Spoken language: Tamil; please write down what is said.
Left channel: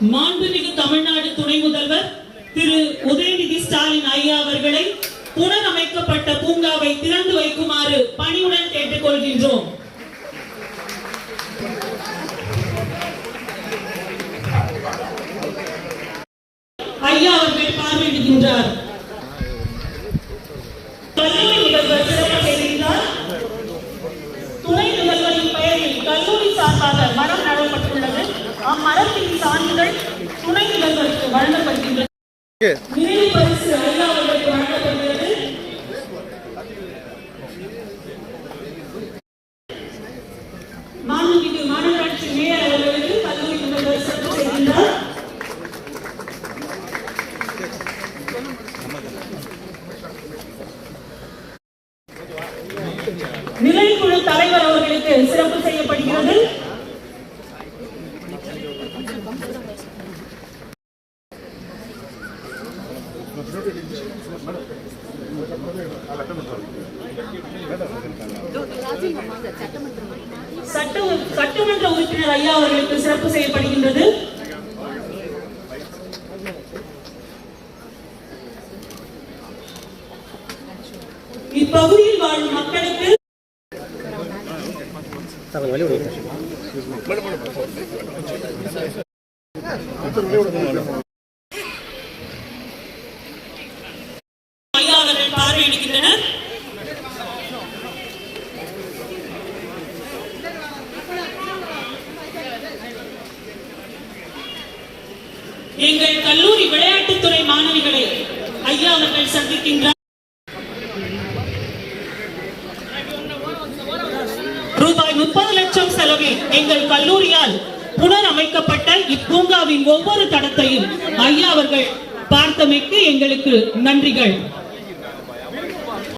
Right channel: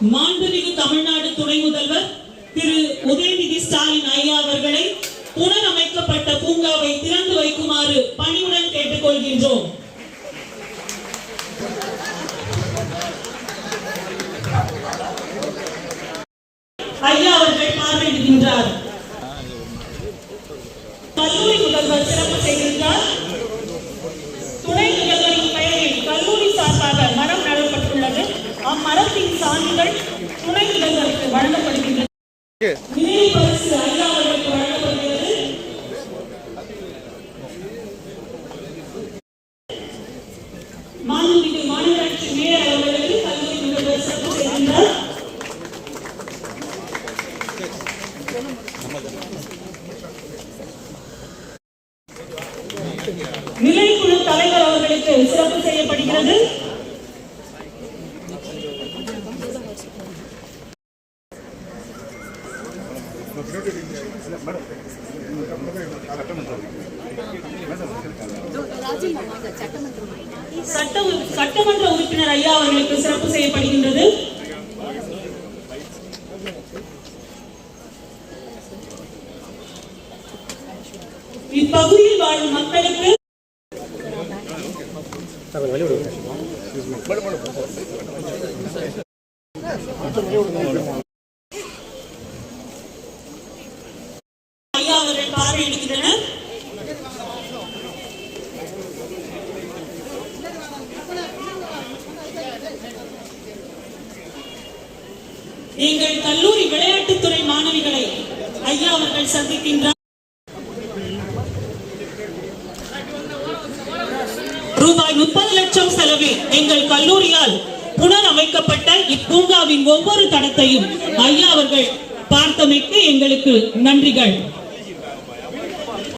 மாண்புமிகு தமிழ்நாடு துணை முதல்வர் திரு உதயநிதி ஸ்டாலின் ஐயா அவர்களை புனரமைக்கப்பட்ட பூங்காவை திறந்து வைக்குமாறு பணிவுடன் கேட்டுக்கொள்கின்றோம். ஐயா அவர்கள் பார்வையிடுகின்றார். கல்லூரி நிகழ்வு சிறப்பு அம்மரத்தின் துணை வழங்கப்படுகின்றது நினைவு பரிசு அவர்களுக்கு வழங்கப்படுகிறது மாண்புமிகு மாநகராட்சி மேயர் அவர்களுக்கு முதல்வர் செய்கின்றார் நிலைக்குழு தலைவர் அவர்களுக்கு சிறப்பு செய்யப்படுகிறது. சட்டமன்ற உறுப்பினர் ஐயா அவர்களுக்கு சிறப்பு செய்யப்படுகின்றது இப்பகுதியில் வாழும் மக்களுக்கு பார்வையிடுகின்றனர். எங்கள் கல்லூரி விளையாட்டுத்துறை மாணவிகளை ஐயா அவர்கள் சந்திக்கின்றார் ரூபாய் முப்பது லட்சம் செலவில் எங்கள் கல்லூரியால் புனரமைக்கப்பட்ட இப்பூங்காவின் ஒவ்வொரு தடத்தையும் ஐயா அவர்கள் பார்த்தமைக்கு எங்களுக்கு நன்றிகள்.